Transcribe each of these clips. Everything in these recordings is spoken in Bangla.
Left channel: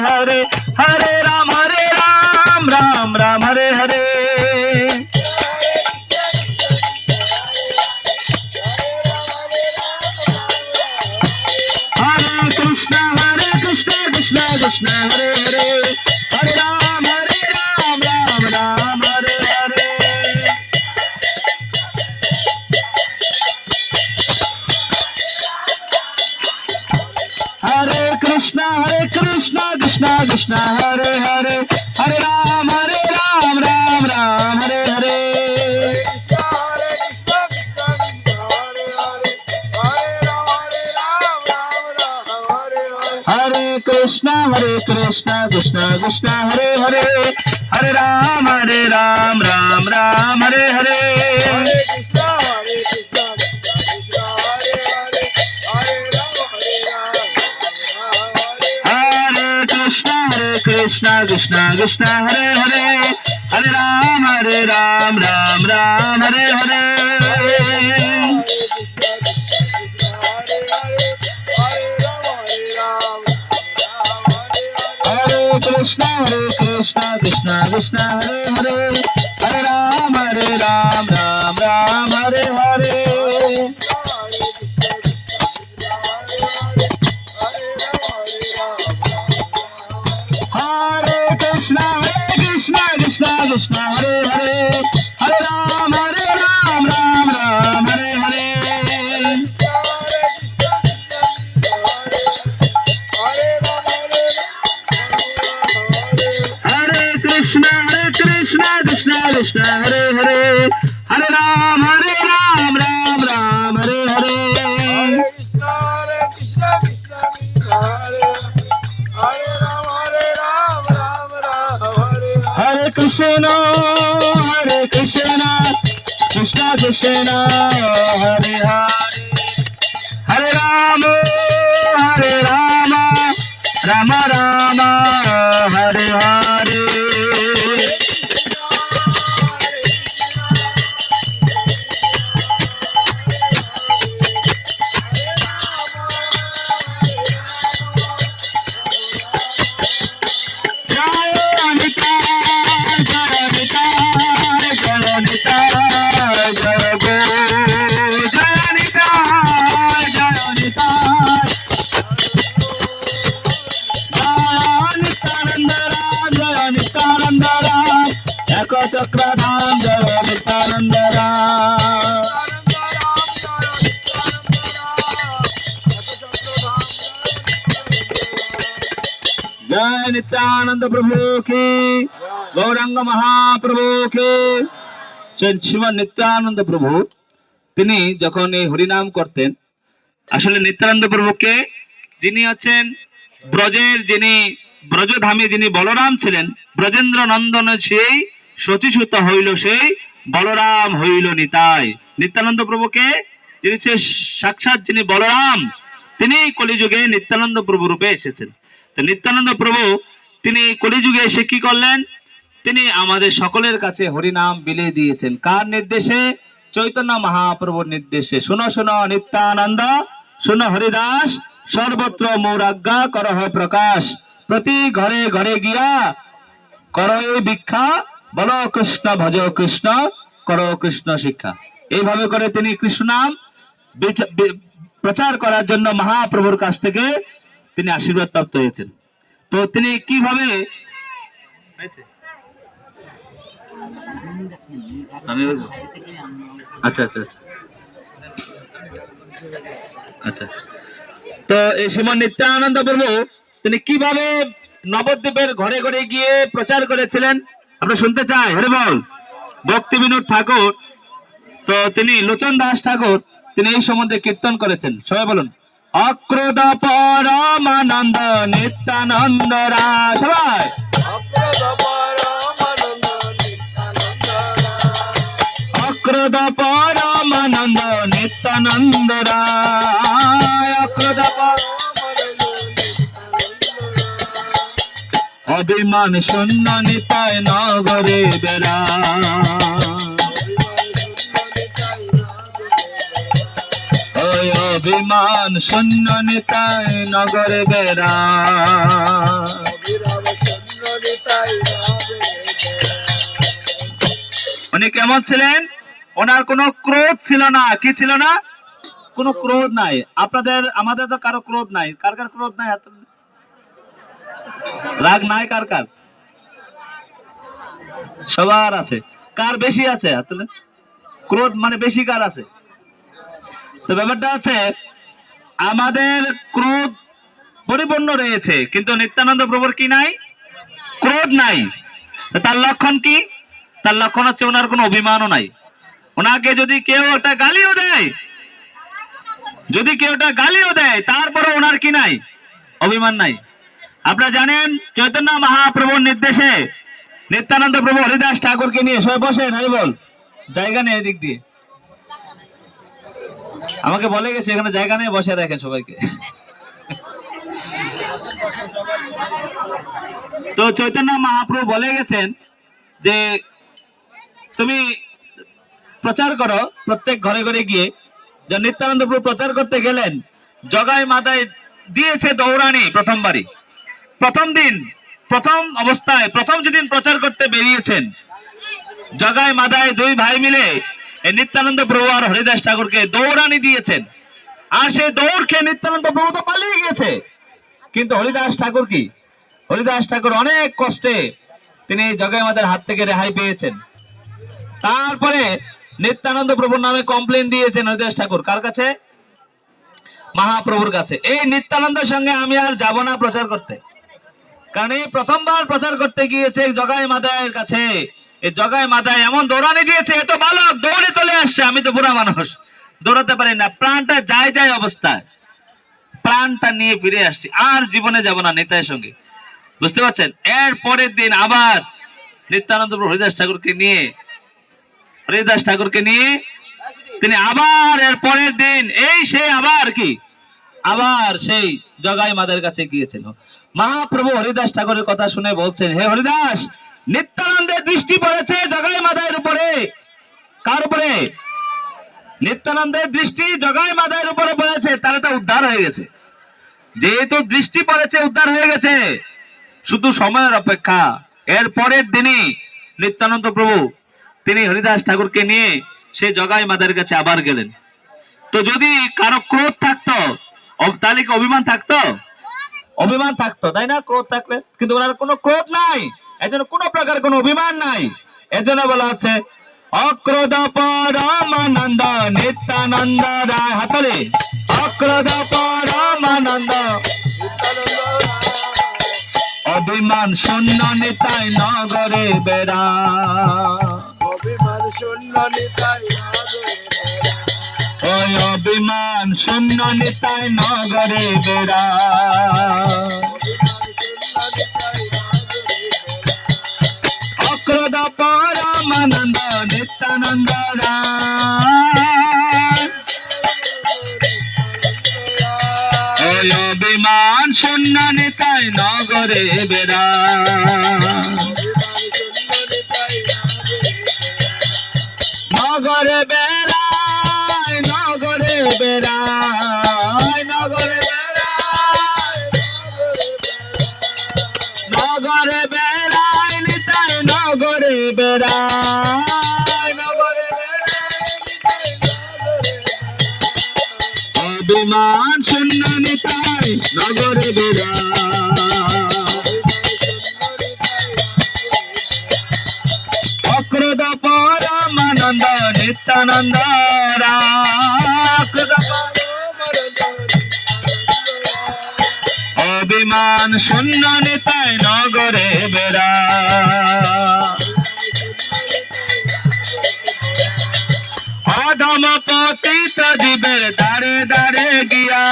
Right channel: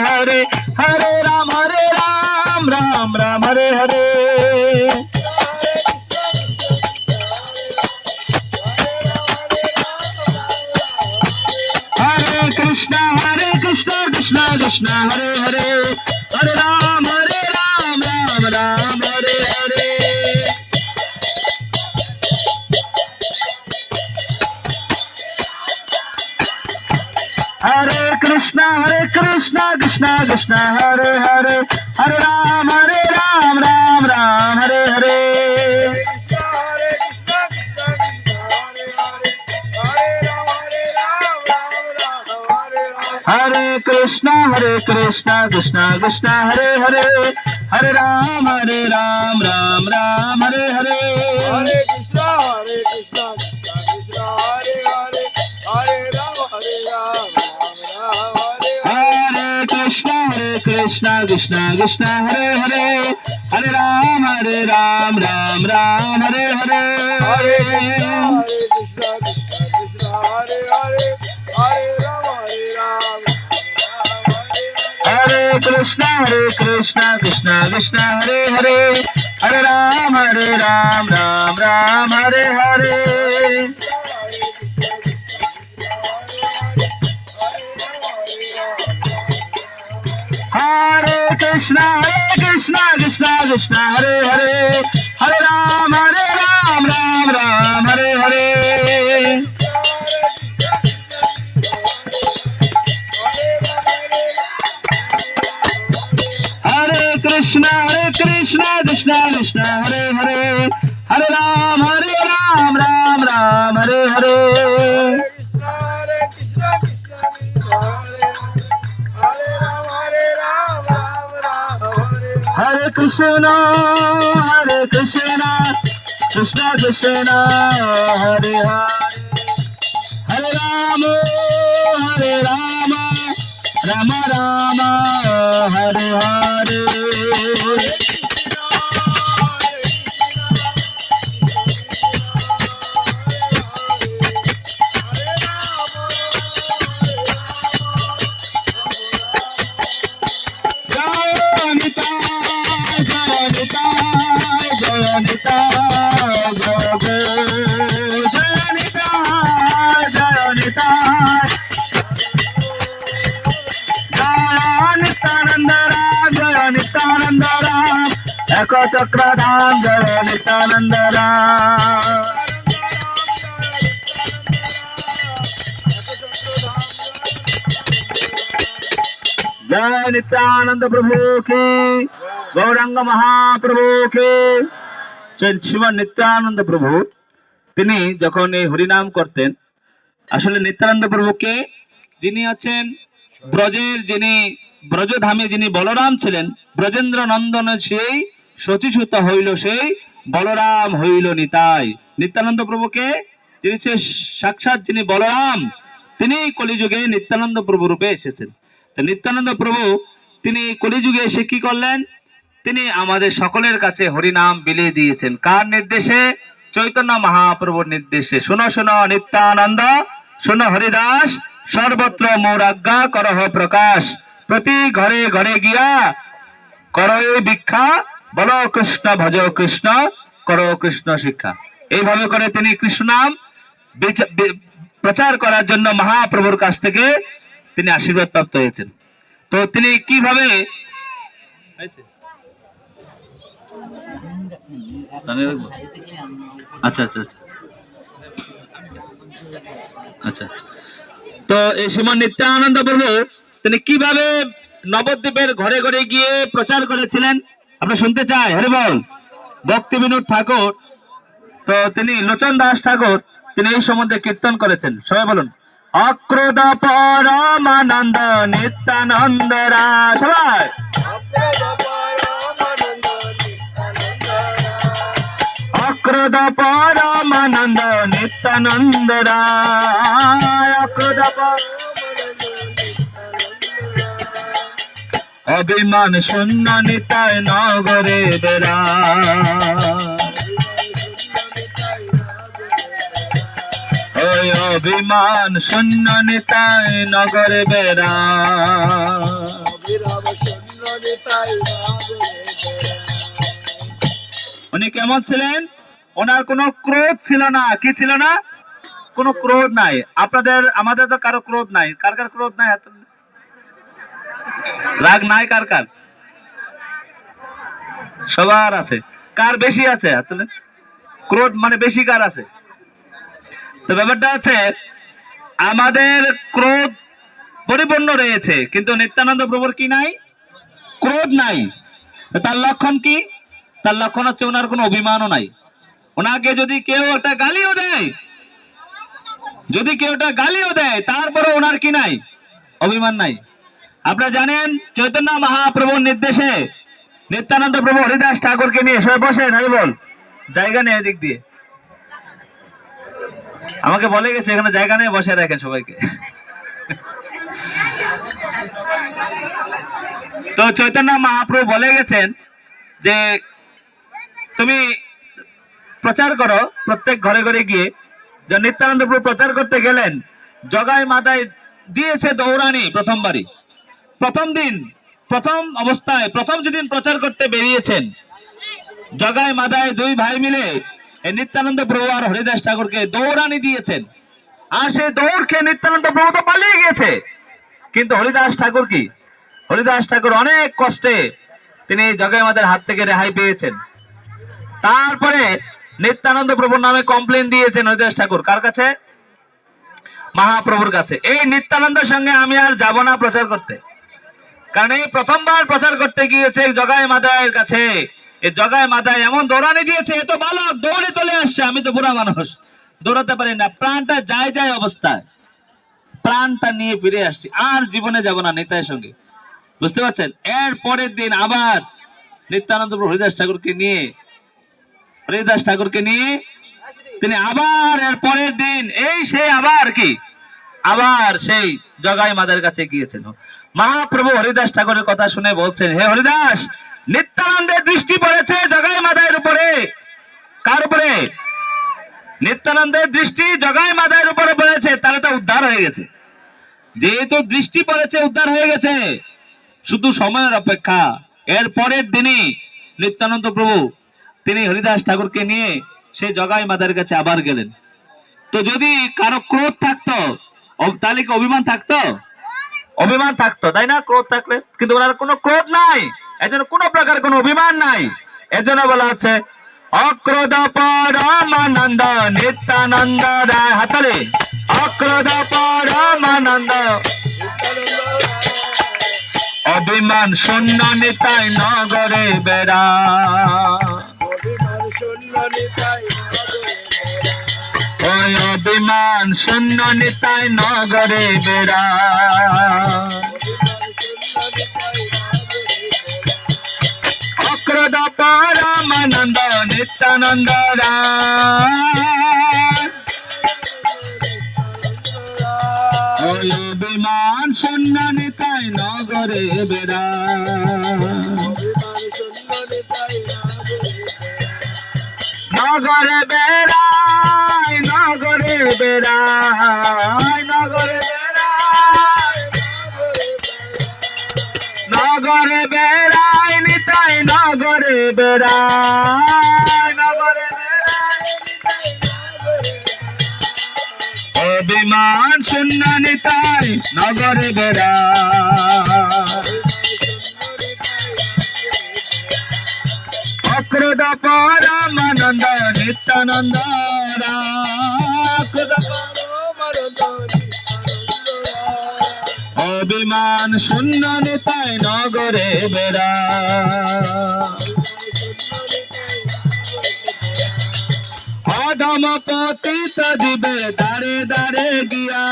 हरे हरे राम राम राम हरे हरे कृष्ण कृष्ण कृष्ण हरे हरे हरे राम राम राम हरे हरे हरे कृष्ण कृष्ण कृष्ण हरे हरे हरे राम राम राम हरे हरे हरे कृष्ण कृष्ण कृष्ण हरे हरे हरे राम राम राम हरे हरे हरे कृष्ण कृष्ण कृष्ण हरे हरे हरे राम राम हरे हरे हरे कृष्ण कृष्ण कृष्ण हरे हरे हरे राम राम हरे हरे हरे कृष्ण कृष्ण हरे हरे हरे राम राम हरे हरे हरे कृष्ण कृष्ण हरे हरे हरे राम राम हरे हरे हरे कृष्ण कृष्ण कृष्ण हरे हरे हरे राम राम राम हरे हरे नित्यानंद राम एक चक्रधाम जय नित्यानंद राम जय नित्यानंद प्रभु की गौरंग महाप्रभु की শ্রীমৎ নিত্যানন্দ প্রভু তিনি যখন এই হরিনাম করতেন আসলে নিত্যানন্দ প্রভুকে যিনি হচ্ছেন ব্রজের যিনি ব্রজধামে যিনি বলরাম ছিলেন ব্রজেন্দ্র নন্দন সেই শচীসুত হইল সেই বলরাম হইল নিতাই নিত্যানন্দ প্রভুকে যিনি সাক্ষাৎ যিনি বলরাম তিনি কলিযুগে নিত্যানন্দ প্রভু রূপে এসেছেন তো নিত্যানন্দ প্রভু তিনি কলিযুগে এসে কি করলেন তিনি আমাদের সকলের কাছে হরিনাম বিলিয়ে দিয়েছেন কার নির্দেশে চৈতন্য মহাপ্রভুর নির্দেশে শোনো শোনো নিত্যানন্দ শোনো হরিদাস সর্বত্র মোর আজ্ঞা করহ প্রকাশ প্রতি ঘরে ঘরে গিয়া করো ভিক্ষা বলো কৃষ্ণ ভজ কৃষ্ণ করো কৃষ্ণ শিক্ষা এইভাবে করে তিনি কৃষ্ণ নাম প্রচার করার জন্য মহাপ্রভুর কাছ থেকে তিনি আশীর্বাদ প্রাপ্ত হয়েছেন তো তিনি কিভাবে আচ্ছা আচ্ছা আচ্ছা আচ্ছা তো এই সময় নিত্যানন্দ প্রভু তিনি কিভাবে নবদ্বীপের ঘরে ঘরে গিয়ে প্রচার করেছিলেন আমরা শুনতে চাই হরে বল ভক্তি বিনোদ ঠাকুর তো তিনি লোচন দাস ঠাকুর তিনি এই সম্বন্ধে কীর্তন করেছেন সবাই বলুন অক্রোধ পরমানন্দ নিত্যানন্দ রায় সবাই অক্রোধ পরমানন্দ নিত্যানন্দ রায় অক্রোধ অভিমান শূন্য নিতাই নগরে বেড়া অভিমান শূন্য নিতাই নগরে বেড়া। উনি কেমন ছিলেন? ওনার কোনো ক্রোধ ছিল না। কি ছিল না? কোনো ক্রোধ নাই। আপনাদের আমাদের তো কারো ক্রোধ নাই। কার কার ক্রোধ নাই? রাগ নাই কার কার? সবার আছে। কার বেশি আছে? ক্রোধ মানে বেশি কার আছে? তো ব্যাপারটা আছে, আমাদের ক্রোধ পরিপূর্ণ রয়েছে, কিন্তু নিত্যানন্দ প্রভুর কি নাই? ক্রোধ নাই। তার লক্ষণ কি? তার লক্ষণ হচ্ছে ওনার কোনো অভিমানও নাই। ওনাকে যদি কেউ একটা গালিও দেয়, তারপরে ওনার কি নাই? অভিমান নাই। আপনারা জানেন চৈতন্য মহাপ্রভুর নির্দেশে নিত্যানন্দ প্রভু হরিদাস ঠাকুরকে নিয়ে সবাই বসেন, হরি বল। জায়গা নেই ওই দিক দিয়ে, আমাকে বলে গেছে এখানে জায়গা নিয়ে বসে রাখেন সবাইকে। তো চৈতন্য মহাপ্রভু বলে গেছেন যে তুমি প্রচার করো প্রত্যেক ঘরে ঘরে গিয়ে। যে নিত্যানন্দ প্রভু প্রচার করতে গেলেন, জগাই মাথায় দিয়েছে দৌড়ানি প্রথমবারই। প্রথম অবস্থায় প্রথম যেদিন প্রচার করতে বেরিয়েছেন, জগাই মাথায় দুই ভাই মিলে নিত্যানন্দ প্রভু আর হরিদাস ঠাকুরকে দৌড়ানি দিয়েছেন। আর সেই দৌড় খেয়ে নিত্যানন্দ প্রভু তো পালিয়ে গিয়েছে, কিন্তু হরিদাস ঠাকুর কি? হরিদাস ঠাকুর অনেক কষ্টে তিনি জগাই মাতার হাত থেকে রেহাই পেয়েছেন। তারপরে নিত্যানন্দ প্রভুর নামে কমপ্লেন দিয়েছেন হরিদাস ঠাকুর। কার কাছে? মহাপ্রভুর কাছে। এই নিত্যানন্দের সঙ্গে আমি আর যাব না প্রচার করতে, কারণ এই প্রথমবার প্রচার করতে গিয়েছে জগাই মাতার কাছে। এই জগাই মাতায় এমন দৌড়ানি দিয়েছে, এত বালক দৌড়ে চলে আসছে, আমি তো বুড়া মানুষ, দৌড়াতে পারি না, প্রাণটা যায় অবস্থায় প্রাণটা নিয়ে ফিরে আসছি, আর জীবনে যাব না নিতাইয়ের সঙ্গে। বুঝতে পারছেন? এর পরের দিন আবার নিত্যানন্দ প্রভু হরিদাস ঠাকুরকে নিয়ে তিনি আবার এর পরের দিন আবার সেই জগাই মাতার কাছে গিয়েছেন। মহাপ্রভু হরিদাস ঠাকুরের কথা শুনে বলছেন, হে হরিদাস, নিত্যানন্দের দৃষ্টি পড়েছে জগাই মাতার উপরে। কার উপরে? নিত্যানন্দের দৃষ্টি জগাই মাতার উপরে পড়েছে, তাহলে তো উদ্ধার হয়ে গেছে। যেহেতু দৃষ্টি পড়েছে, উদ্ধার হয়ে গেছে, শুধু সময়ের অপেক্ষা। এর পরের দিনই নিত্যানন্দ প্রভু তিনি হরিদাস ঠাকুরকে নিয়ে সেই জগাই মাতার কাছে আবার গেলেন। তো যদি কারো ক্রোধ থাকতো তাহলে কি অভিমান থাকতো? অভিমান থাকতো, তাই না? ক্রোধ থাকলে, কিন্তু ওনার কোনো ক্রোধ নাই, এজন্য কোনো প্রকার কোনো অভিমান নাই। এজন্য বলা হচ্ছে অক্রোধ পরমানন্দ নিত্যানন্দ রায়। হাতলে অক্রোধ পরমানন্দ অভিমান শূন্য নিতাই নগরে বেড়া। অভিমান শূন্য নিতাই ওই অভিমান শূন্য নিতাই নগরে বেড়া। অক্রোধ পরমানন্দ নিত্যানন্দ ওই অভিমান শূন্য নিতাই নগরে বেড়া। নগরে বেড়ায়, নগরে বেড়ায়, নগরে বেড়ায়, নগরে বেড়ায় নিতাই নগরে বেড়ায়, নগরে অভিমান শূন্য নিতাই নগরে বেড়ায়। অক্রোধ পরমানন্দ নিত্যানন্দ অভিমান শূন্য নিতাই নগরে বেড়া। অধম পতিত জীবের দাঁড়ে দাঁড়ে গিয়া,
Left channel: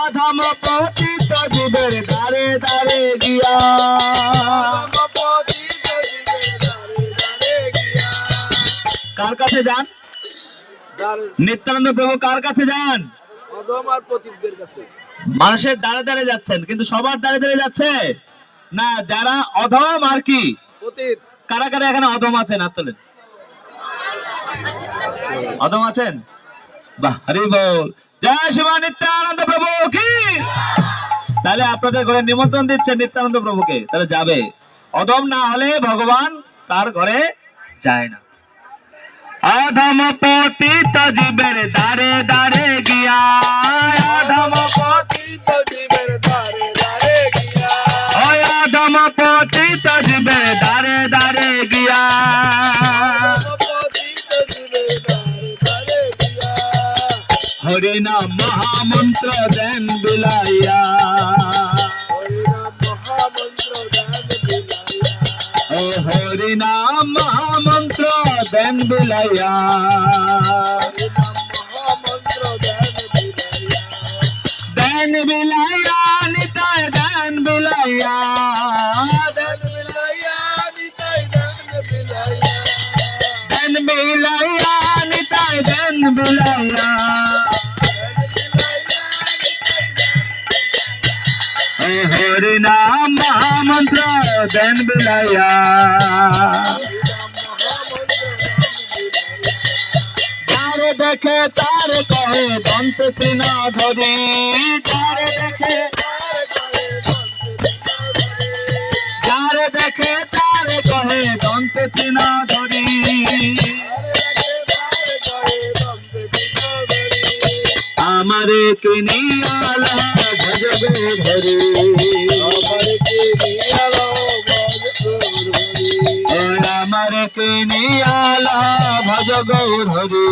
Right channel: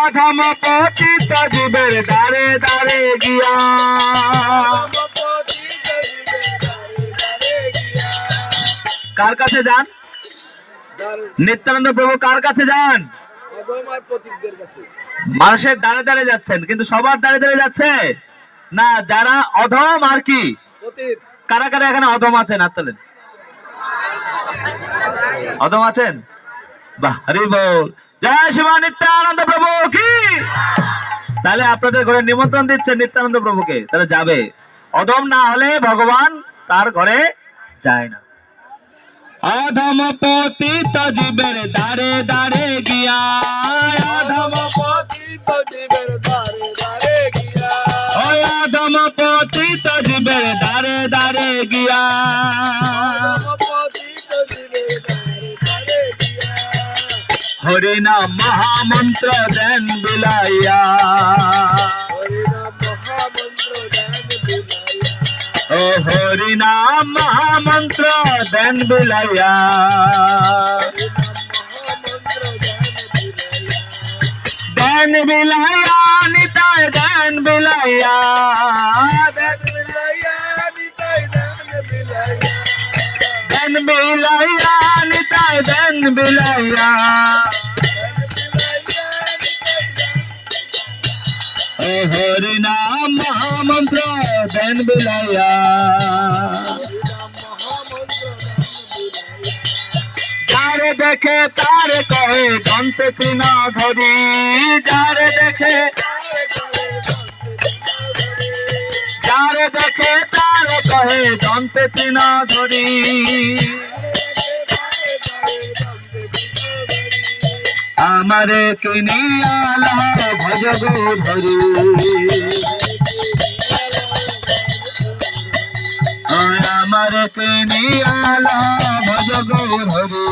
অধম পতিত জীবের দাঁড়ে দাঁড়ে গিয়া। কার কাছে যান? নিত্যানন্দ প্রভু কার কাছে যান? মানুষের দাঁড়ে দাঁড়ে যাচ্ছেন, কিন্তু সবার দাঁড়ে দাঁড়ে যাচ্ছে না। যারা অধম আর কি, কারা কারা এখানে অধম আছেন? হাত তোলেন। অদম আছেন? বাহ, হরি বল। জয় শিব নিত্যানন্দ প্রভু কি। তাহলে আপনাদের ঘরে নিমন্ত্রণ দিচ্ছে নিত্যানন্দ প্রভুকে, তাহলে যাবে। অদম না হলে ভগবান তার ঘরে যায় না। অধম পতিত জীবের দ্বারে দ্বারে গিয়া, অধম পতিত জীবের দ্বারে দ্বারে গিয়া, অধম পতিত জীবের দ্বারে দ্বারে গিয়া, হরি নাম মহামন্ত্র দেন বিলাইয়া, ও হরি নাম মহামন্ত্র দেন বিলাইয়া, দেন বিলাইয়া নিতাই দেন বিলাইয়া, দেন বিলাইয়া নিতাই দেন বিলাইয়া, দেন বিলাইয়া নিতাই দেন বিলাইয়া, ও হরি নাম মহামন্ত্র দেন বিলাইয়া, যার দেখে তার কহে দন্তে তৃণ ধরি, যার দেখে যার দেখে তার কহে দন্তে তৃণ ধরি, আমারে কিনিয়ালা ভজ গো ধরি, আমারে কিনিয়ালা ভজ গো ধরি,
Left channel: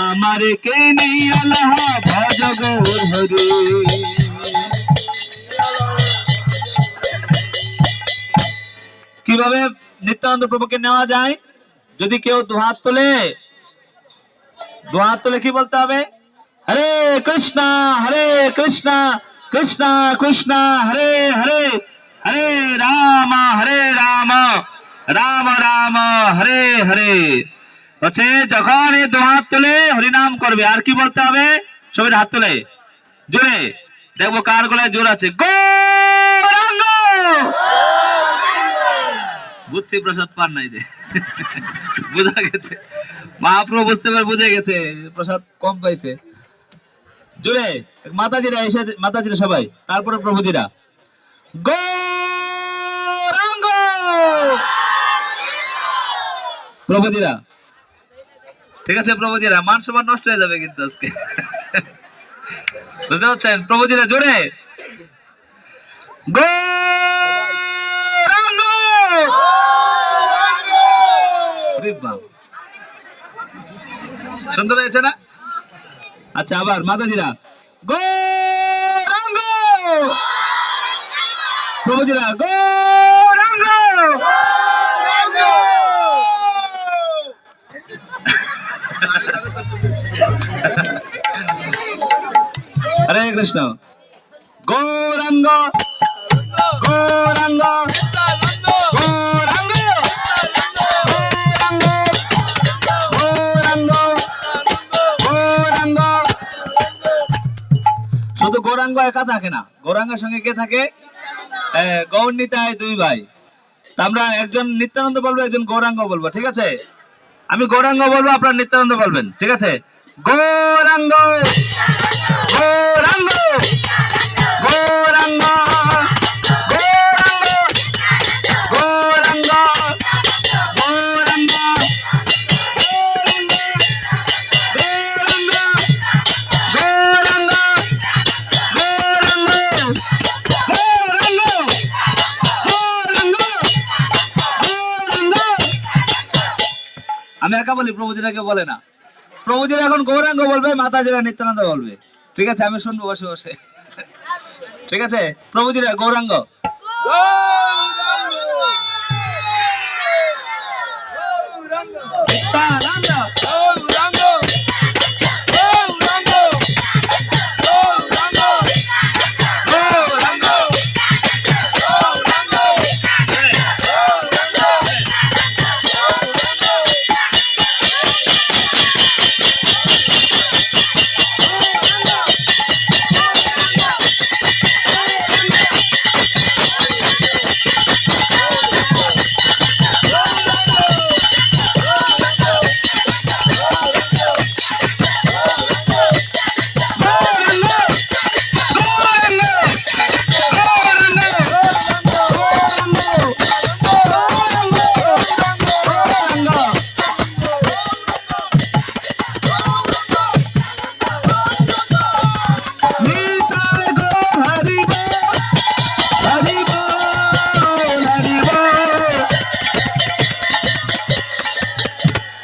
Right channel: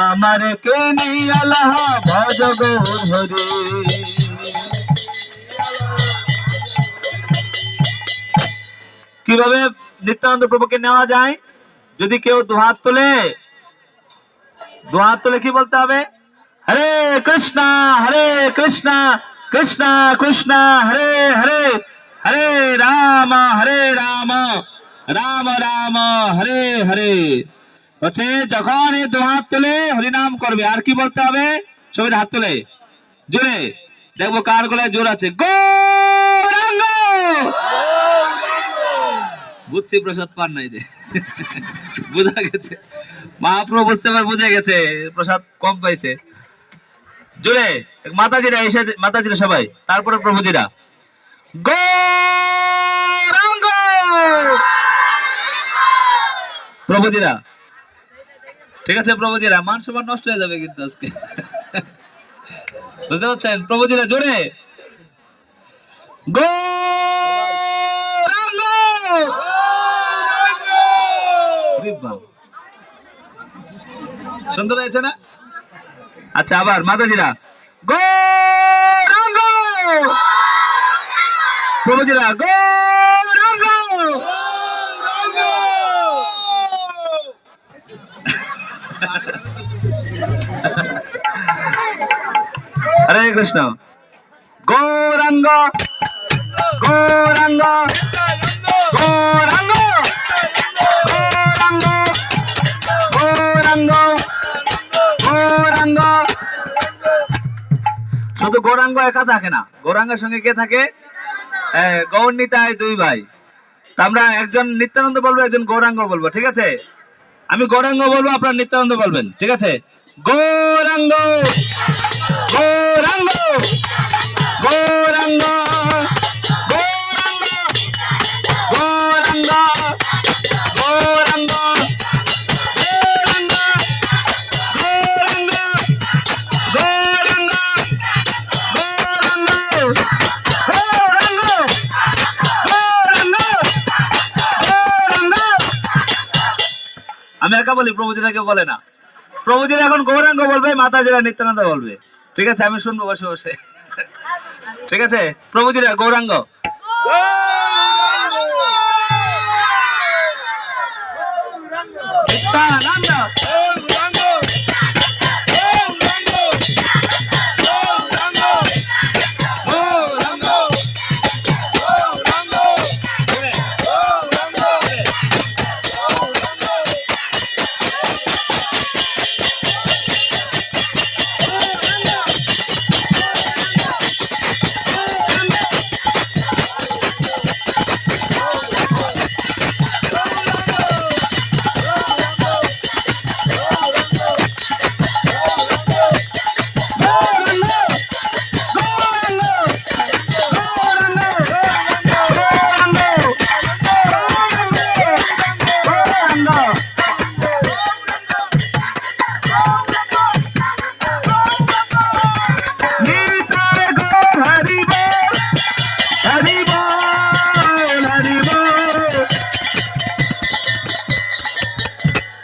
আমারে কিনিয়ালা ভজ গো ধরি। কিভাবে নিত্যানন্দ প্রভুকে নেওয়া যায়? যদি কেউ দুহাত তোলে, দুহাত তোলে কি বলতে হবে? হরে কৃষ্ণ কৃষ্ণ কৃষ্ণ হরে হরে, হরে রাম রাম রাম হরে হরে। হচ্ছে যখন এই দুহাত তোলে হরিনাম করবে, আর কি বলতে হবে? সবাই হাত তোলে জোরে, দেখবো কার গলায় জোর আছে। গৌরাঙ্গ। বুঝছি প্রসাদ পান নাই যে, বুঝা গেছে, মহাপ্রভু বুঝতে পারে, বুঝে গেছে প্রসাদ কম পাইছে। জোরে মাতাজিরা এসে, মাতাজিরা সবাই, তারপরে প্রভুজিরা। গৌরাঙ্গ। প্রভুজিরা, ঠিক আছে প্রভুজিরা, মান সম্মান নষ্ট হয়ে যাবে কিন্তু আজকে, বুঝতে পারছেন? প্রভুজিরা জোরে গৌরাঙ্গ। সুন্দর হয়েছে না? আচ্ছা, আবার মাতাজিরা গৌরাঙ্গ, প্রভুজিরা গৌরাঙ্গ। হরে কৃষ্ণ। গৌরাঙ্গ গৌরাঙ্গ গৌরাঙ্গ গৌরাঙ্গ গৌরাঙ্গ। শুধু গৌরাঙ্গ একা থাকে না, গৌরাঙ্গের সঙ্গে কে থাকে? গৌর নিতাই দুই ভাই। আমরা একজন নিত্যানন্দ বলবো, একজন গৌরাঙ্গ বলবো, ঠিক আছে? আমি গৌরাঙ্গ বলবো, আপনার নিত্যানন্দ বলবেন, ঠিক আছে? গৌরাঙ্গ গৌরাঙ্গ গৌরাঙ্গ গৌরাঙ্গ গৌরাঙ্গ গৌরাঙ্গ গৌরাঙ্গ গৌরাঙ্গ গৌরাঙ্গ গৌরাঙ্গ গৌরাঙ্গ গৌরাঙ্গ। আমি একা বলি, প্রভুজিরা কেউ বলে না। প্রভুজিরা এখন গৌরাঙ্গ বলবে, মাতাজিরা নিত্যানন্দ বলবে, ঠিক আছে? আমি শুনবো বসে বসে, ঠিক আছে? প্রভুজিরা গৌরাঙ্গ। নিত্যানন্দ